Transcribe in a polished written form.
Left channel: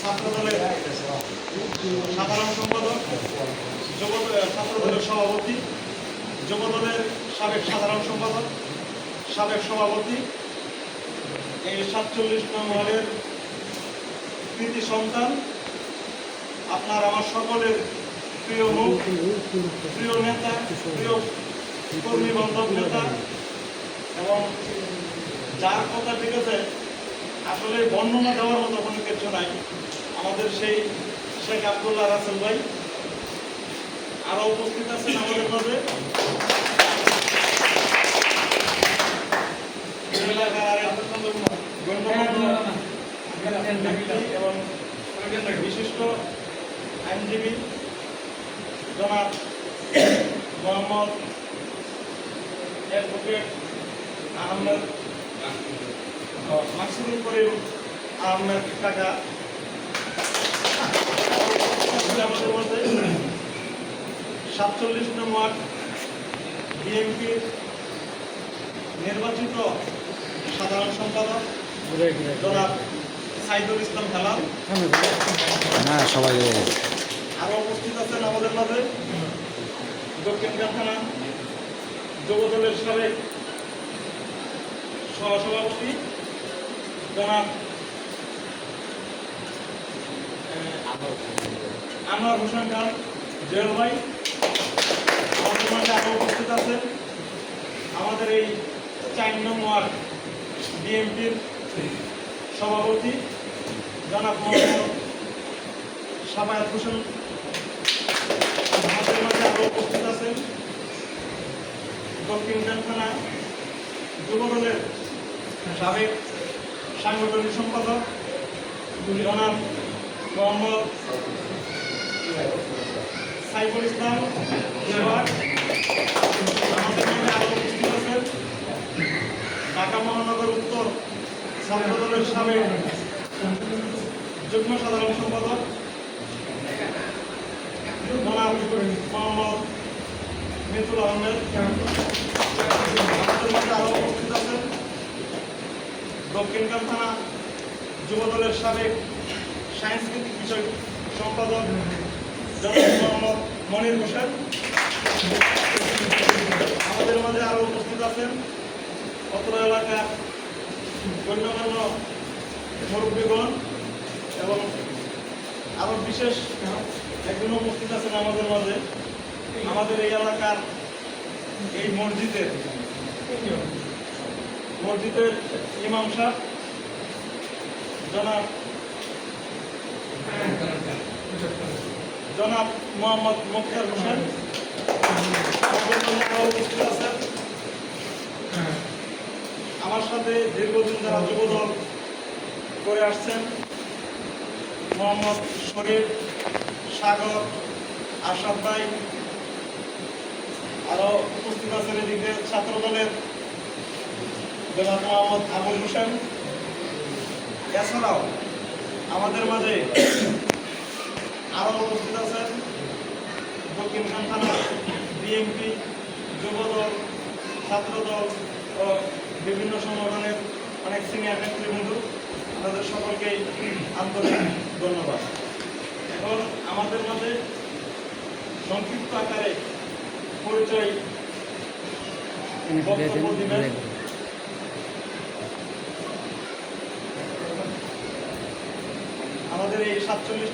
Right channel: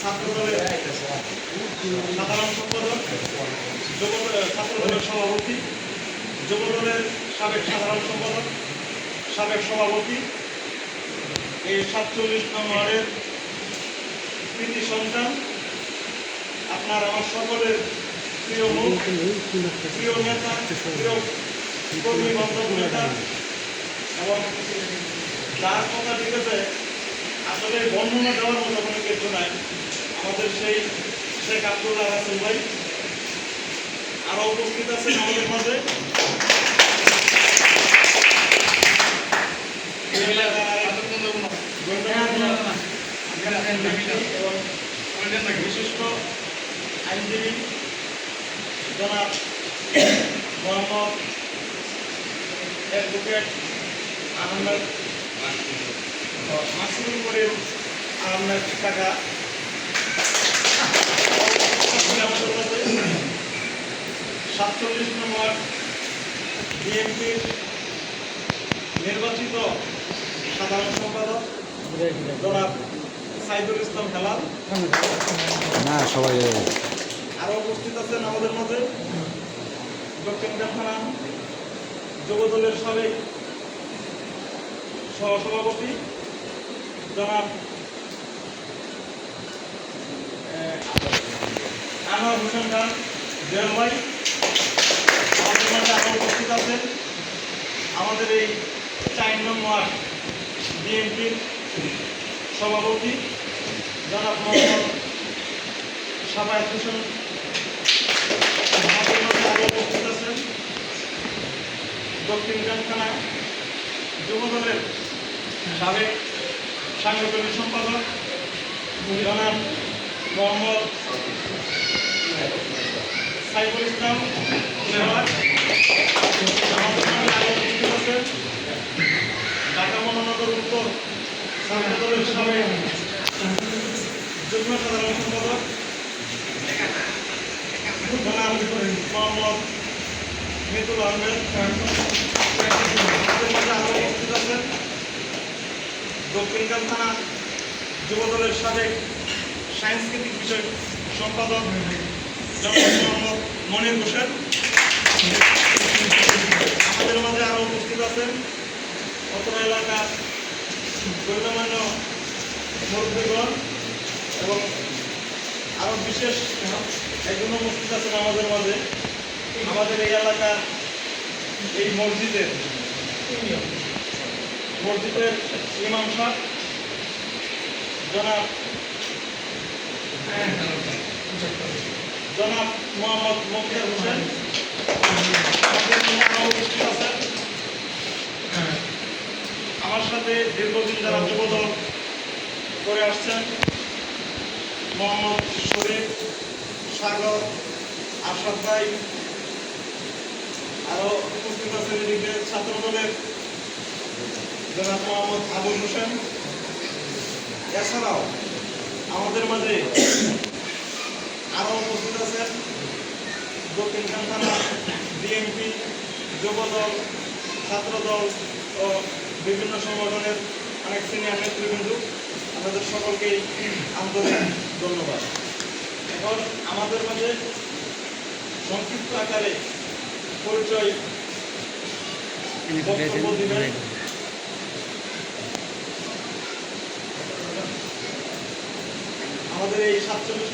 ছাত্র দলের সাধারণ সম্পাদক, ছাত্র দলের সভাপতি, যুব দলের সাবেক সাধারণ সম্পাদক, সাবেক সভাপতি, এই 47 নং ওয়ার্ডের কৃতি সন্তান, আপনার আমার সকলের প্রিয় মুখ, প্রিয় নেতা, প্রিয় কর্মী বান্ধব নেতা, এবং যার কথা লিখেছে আসলে বর্ণনা দেওয়ার মতো কোনো কিছু নাই, আমাদের সেই শেখ আব্দুল্লাহ রাসেল ভাই। আরো উপস্থিত আছেন আমাদের মধ্যে এবং বিশিষ্ট আইনজীবী জনাব মোহাম্মদ অ্যাডভোকেট আহমেদ মাসুল করিম আহমেদ কাকা, আমাদের মধ্যে 47 নং ওয়ার্ড বিএনপির নির্বাচিত সাধারণ সম্পাদক জনাব সাইদুল ইসলাম হেলাল। সবাই আরো উপস্থিত আছেন আমাদের মধ্যে দক্ষিণ কারখানা যুবদলের সাবেক সহসভাপতি জনাব আনোয়ার হোসেন খান জয়েল ভাই। আমাদের মাঝে আরো উপস্থিত আছেন আমাদের এই 4 নং ওয়ার্ড বিএনপির সভাপতি জনাব মোহাম্মদ সাবায়েত হোসেন। আমাদের মধ্যে আরো উপস্থিত আছেন দক্ষিণ কারখানা যুবদলের সাবেক সাংগঠনিক সম্পাদক জনাব মোহাম্মদ সাইফুল ইসলাম। আমাদের মধ্যে আরো উপস্থিত আছেন ঢাকা মহানগর উত্তর ছাত্র দলের সাবেক যুগ্ম সাধারণ সম্পাদক জনাব মোহাম্মদ মিতুল আহমেদ। আমাদের মধ্যে আরো উপস্থিত আছেন দক্ষিণ কারখানা যুবদলের সাবেক সাংস্কৃতিক বিষয় সম্পাদক জনাব মোহাম্মদ মনির হোসেন। আমাদের মধ্যে আরো উপস্থিত আছেন অত্র এলাকার গণ্যমান্য মুরব্বীগণ এবং আরো বিশেষ একজন উপস্থিত আছেন আমাদের মাঝে আমাদের এই এলাকার এই মসজিদের ইমাম সাহেব জনাব মোহাম্মদ মুখতার হোসেন। আমার সাথে দীর্ঘদিন যারা যুবদল করে আসছেন মোহাম্মদ শরীফ, সাগর, আশরাফ ভাই। আরো উপস্থিত আছেন এদিকে ছাত্র দলের জনাব মোহাম্মদ আবুল হোসেন। এছাড়াও আমাদের মাঝে আরো উপস্থিত আছেন দক্ষিণ কারখানা বিএনপি, যুবদল, ছাত্রদল ও বিভিন্ন সংগঠনের অনেক সিনিয়র নেতৃবৃন্দ। তাদের সকলকেই আন্তরিক ধন্যবাদ। এখন আমাদের মাঝে সংক্ষিপ্ত আকারে পরিচয় বক্তব্য দিবেন আমাদের এই 47